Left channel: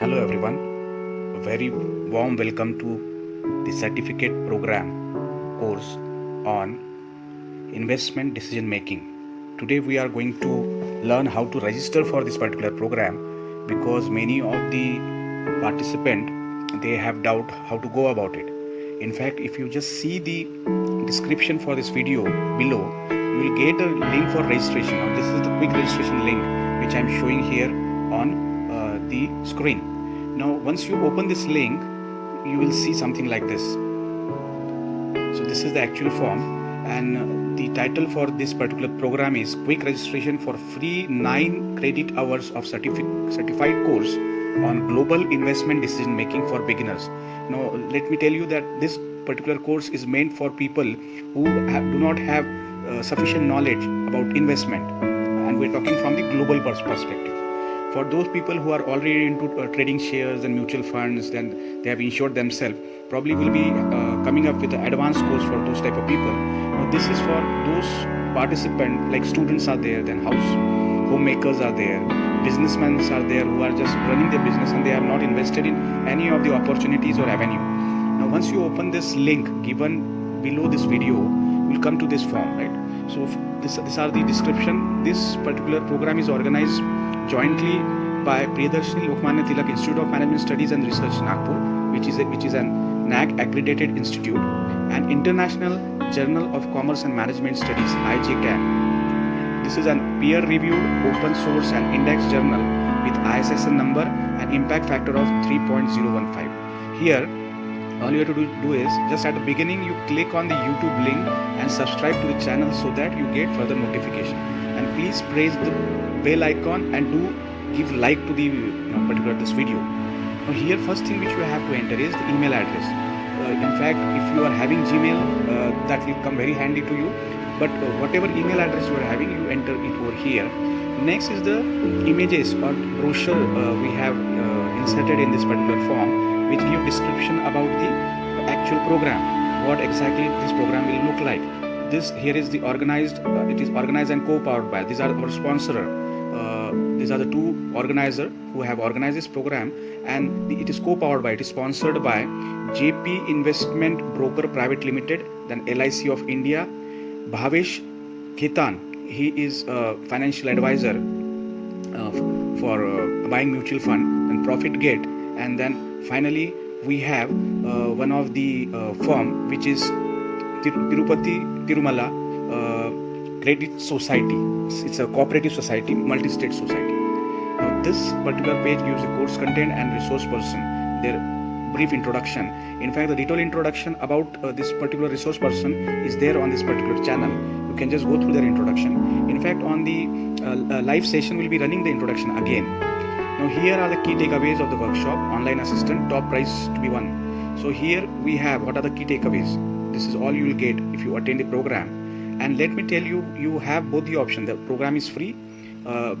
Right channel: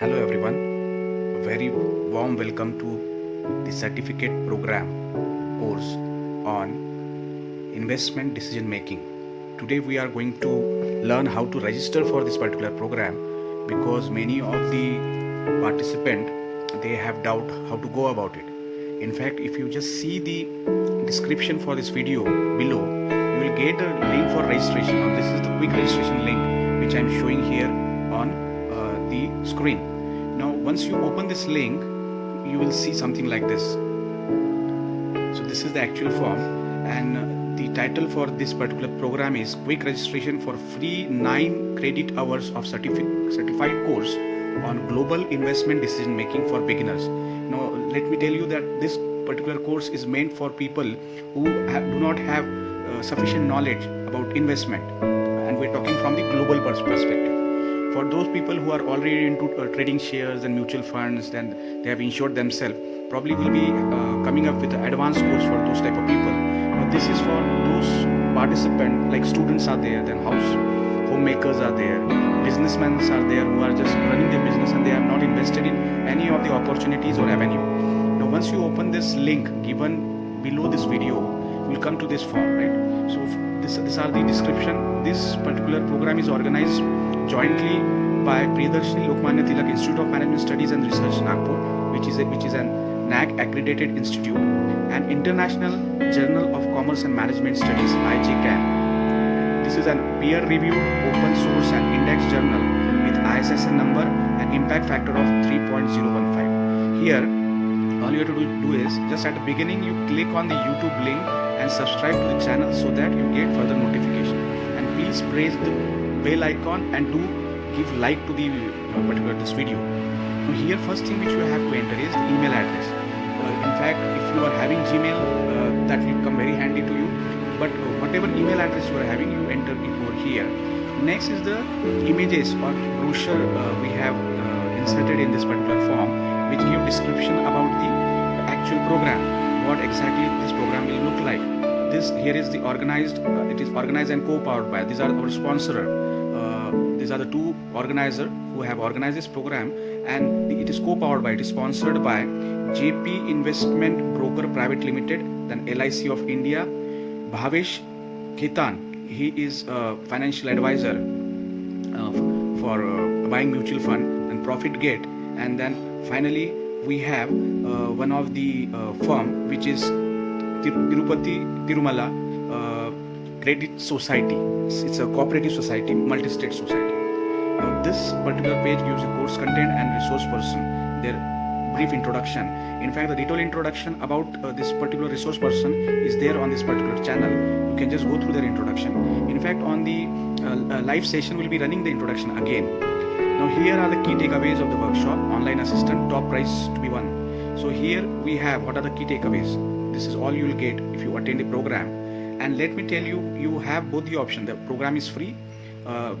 Hello everyone, a very warm welcome to the certificate program course on investment decision making. Today we are going to learn how to register for this particular program because many of the participants they have doubt how to go about it. In fact, if you just see the description for this video below, you will get a link for registration. Now this is the quick registration link which I am showing here on the screen. Now once you open this link, you will see something like this. So this is the actual form, and the title for this particular program is Quick Registration for Free 9 Credit Hours of Certified Course on Global Investment Decision Making for Beginners. Now let me tell you that this particular course is meant for people who do not have sufficient knowledge about investment, and we're talking from the global perspective. For those people who are already into trading shares and mutual funds, then they have insured themselves, probably will be coming up with an advanced course for those type of people. Now this is for those participants, like students are there, then homemakers are there, businessmen are there who are just running their business and they have not invested in any of the opportunities or avenue. Now once you open this link given below this video, you will come to this form, right? So these are the description. This particular program is organized jointly by Priyadarshini Lokmanya Tilak Institute of Management Studies and Research, Nagpur, which is an NAC accredited institute, and International Journal of Commerce and Management Studies (IJCAM). This is a peer-reviewed, open source and index journal with ISSN number and impact factor of 3.015. Here, all you have to do is just at the beginning you click on the YouTube link and subscribe to the channel so that you get further notification. And please press the bell icon and do give like to the particular this video. Now here first thing which you have to enter is the email address. In fact, if you are having Gmail, that will come very handy to you. But whatever email address you are having, you enter it over here. Next is the images or brochure we have inserted in this particular form, which give description about the actual program, what exactly this program will look like. This here is the organized. It is organized and co-powered by. These are our sponsor. These are the two organizers who have organized this program, and it is co-powered by. It is sponsored by JP Investment Broker Private Limited, then LIC of India, Bhavesh Khetan. He is a financial advisor for buying mutual fund, and Profit Gate, and then finally we have one of the firm which is Tirupati Tirumala Credit Society. It's a cooperative society, multi-state society. Now this particular page gives the course content and resource person, their brief introduction. In fact, the detailed introduction about this particular resource person is there on this particular channel. You can just go through their introduction. In fact, on the live session we'll be running the introduction again. Now here are the key takeaways of the workshop. Online assistant, top prize to be won. So here we have what are the key takeaways. This is all you will get if you attend the program. And let me tell you, you have both the option. The program is free.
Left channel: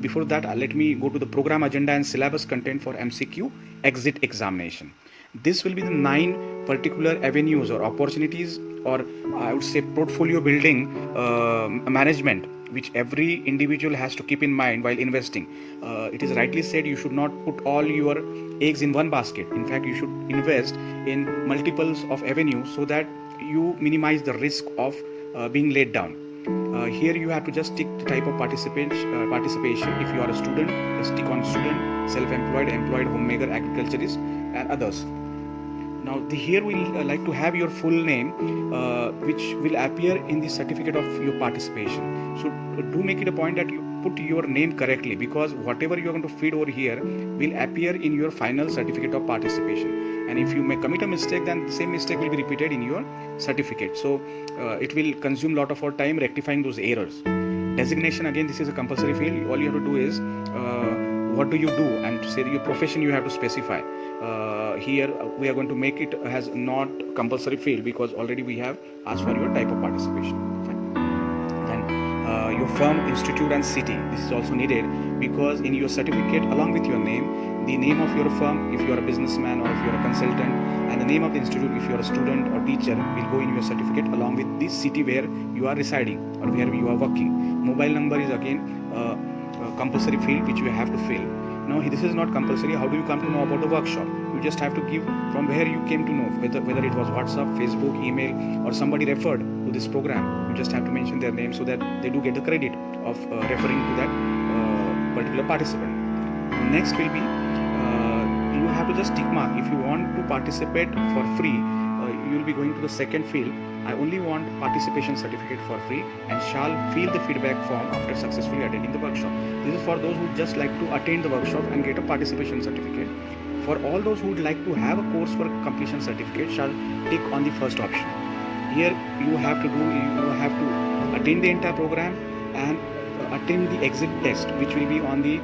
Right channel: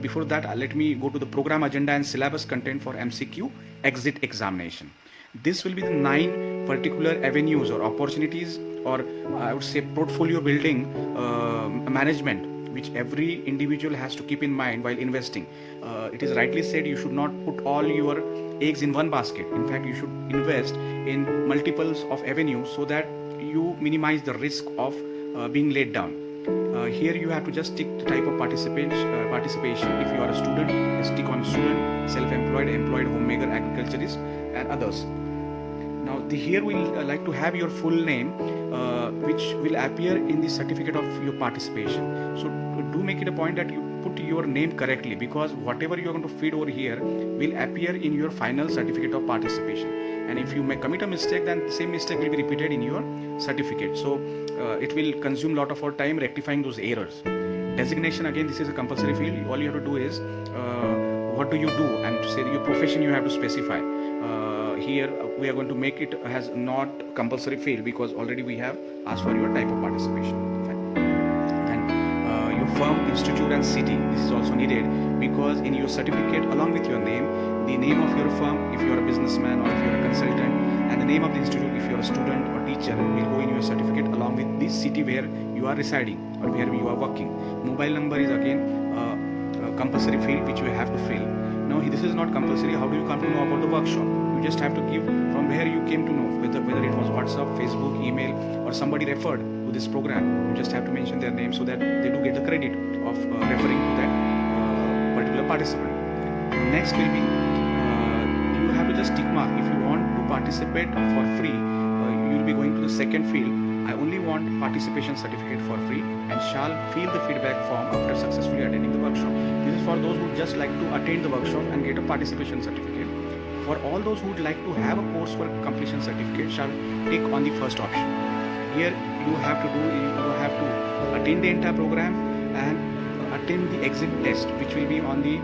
Before that, let me go to the program agenda and syllabus content for MCQ exit examination. This will be the 9 particular avenues or opportunities, or I would say portfolio building management, which every individual has to keep in mind while investing. It is rightly said you should not put all your eggs in one basket. In fact, you should invest in multiples of avenues so that you minimize the risk of being laid down. Here you have to just tick the type of participation. If you are a student, just tick on student, self-employed, employed, homemaker, agriculturist, and others. Now here we'll like to have your full name, which will appear in the certificate of your participation. So do make it a point that you put your name correctly, because whatever you are going to feed over here will appear in your final certificate of participation. And if you commit a mistake, then the same mistake will be repeated in your certificate. So it will consume a lot of our time rectifying those errors. Designation, again, this is a compulsory field. All you have to do is what do you do, and say your profession you have to specify. Here we are going to make it as not compulsory field because already we have asked for your type of participation. Fine. Then your firm, institute and city. This is also needed because in your certificate along with your name, the name of your firm if you are a businessman or if you are a consultant, and the name of the institute if you are a student or teacher will go in your certificate along with this city where you are residing or where you are working. Mobile number is again compulsory field which you have to fill. Now this is not compulsory. How do you come to know about the workshop? You just have to give from where you came to know, whether it was WhatsApp, Facebook, email, or somebody referred to this program. You just have to mention their name so that they do get the credit of referring to that particular participant. Now next will be you have to just tick mark. If you want to participate for free, you will be going to the second field. I only want participation certificate for free and shall fill the feedback form after successfully attending the workshop. This is for those who just like to attend the workshop and get a participation certificate. For all those who would like to have a coursework completion certificate, shall tick on the first option. Here you have to attend the entire program and attend the exit test, which will be on the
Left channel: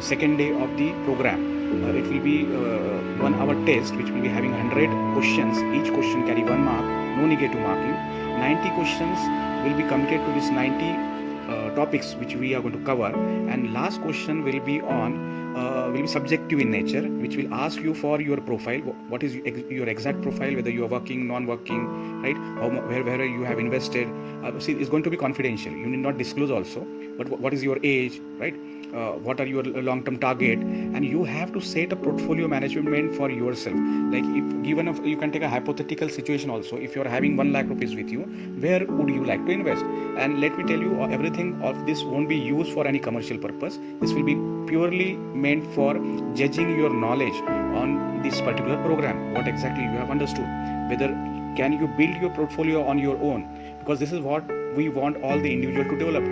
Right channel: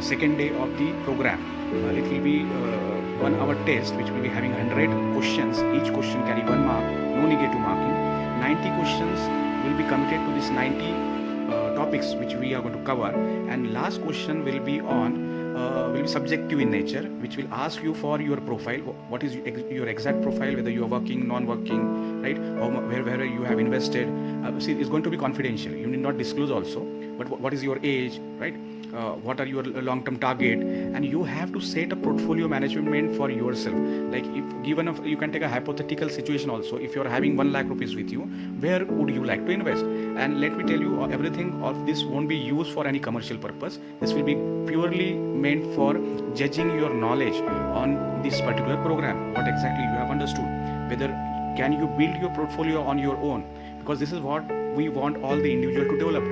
second day of the program. It will be 1 hour test, which will be having 100 questions. Each question carry 1 mark, no negative marking. 90 questions will be committed to this 90 topics which we are going to cover, and last question will be subjective in nature, which will ask you for your profile. What is your exact profile, whether you are working, non-working, right? Where you have invested. See, it's going to be confidential. You need not disclose also. But what is your age, right? What are your long-term target? And you have to set a portfolio management for yourself. Like you can take a hypothetical situation also. If you are having 1 lakh rupees with you, where would you like to invest? And let me tell you, everything of this won't be used for any commercial purpose. This will be purely meant for judging your knowledge on this particular program, what exactly you have understood, whether can you build your portfolio on your own, because this is what we want all the individual to develop.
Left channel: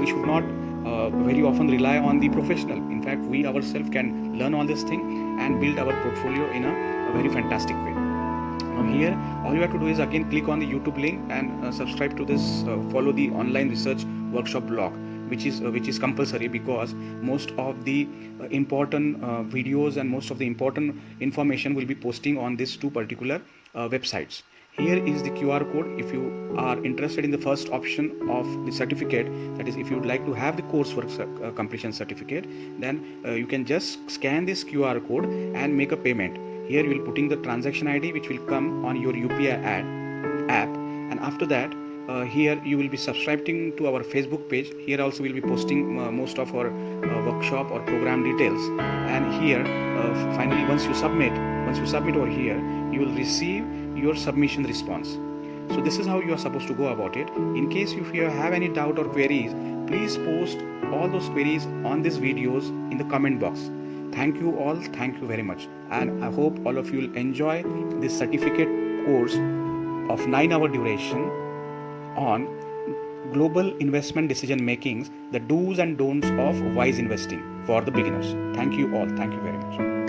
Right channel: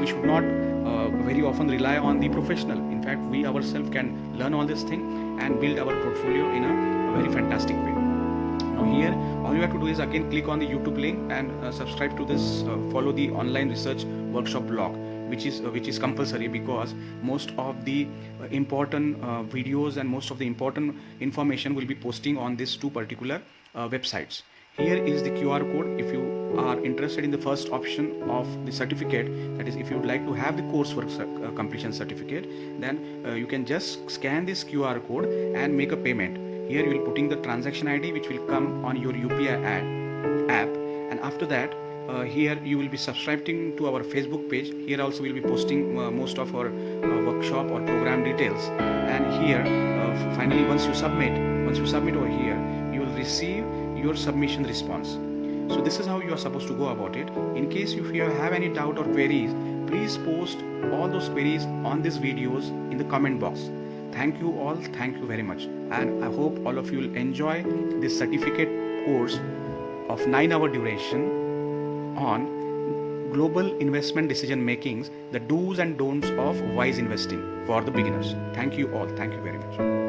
We should not very often rely on the professional. In fact, we ourselves can learn all this thing and build our portfolio in a very fantastic way. Now here, all you have to do is again click on the YouTube link and subscribe to this, follow the online research workshop blog, which is compulsory, because most of the important videos and most of the important information will be posting on these 2 particular websites. Here is the QR code. If you are interested in the first option of the certificate, that is, if you would like to have the coursework completion certificate, then you can just scan this QR code and make a payment. Here you will putting the transaction ID, which will come on your UPI app, and after that here you will be subscribing to our Facebook page. Here also we will be posting most of our workshop or program details. And here finally, once you submit over here, you will receive your submission response. So this is how you are supposed to go about it. In case if you have any doubt or queries, please post all those queries on these videos in the comment box. Thank you all. Thank you very much. And I hope all of you will enjoy this certificate course of 9-hour duration on global investment decision makings, the do's and don'ts of wise investing for the beginners. Thank you all. Thank you very much.